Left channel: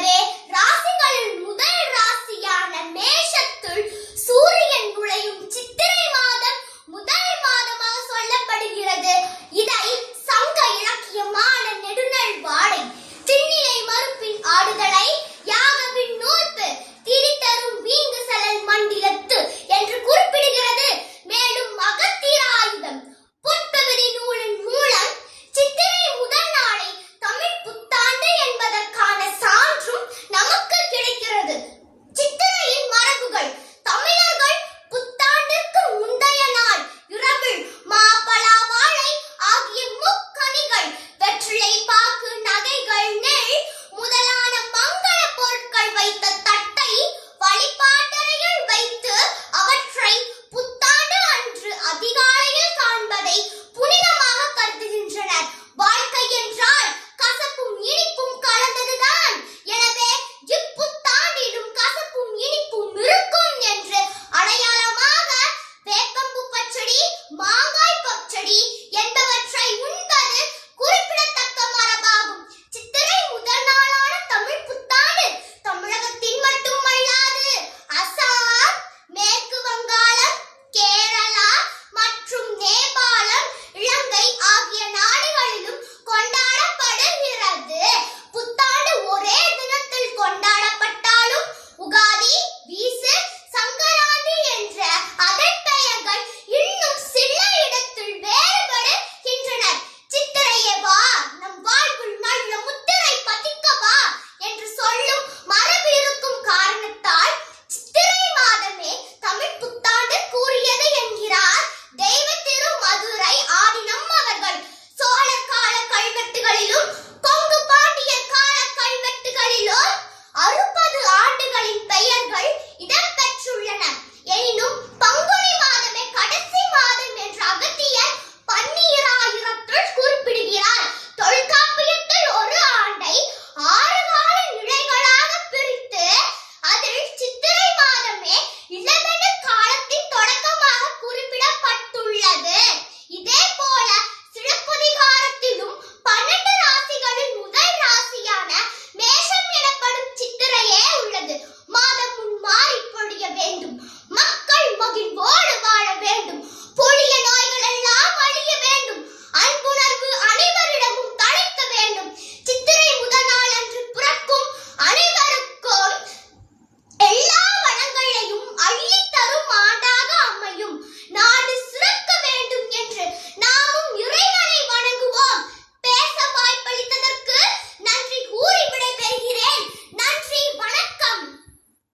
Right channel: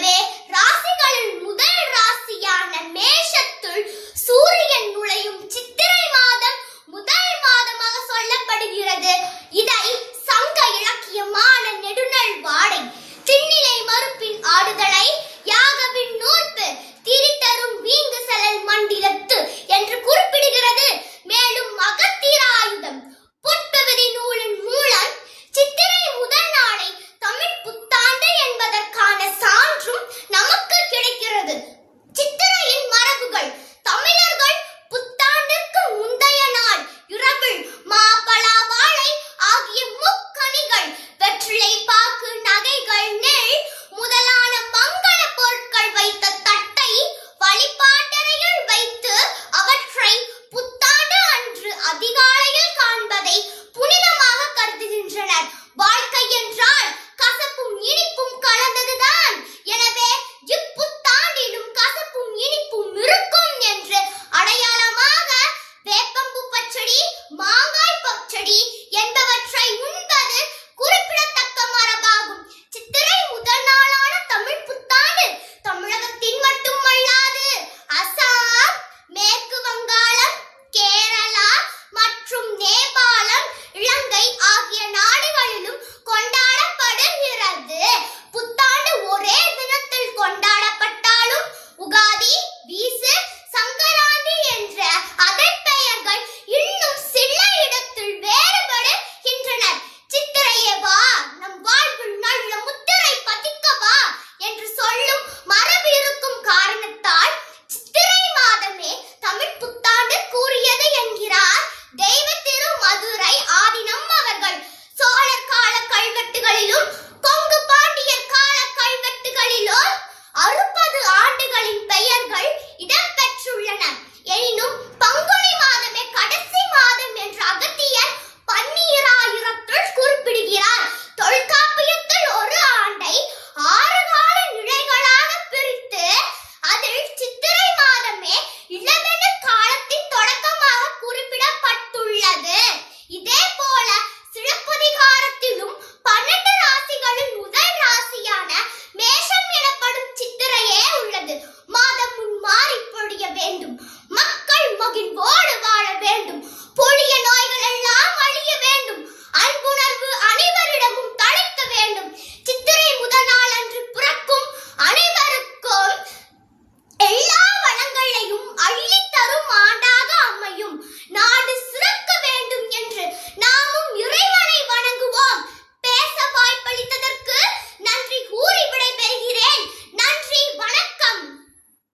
de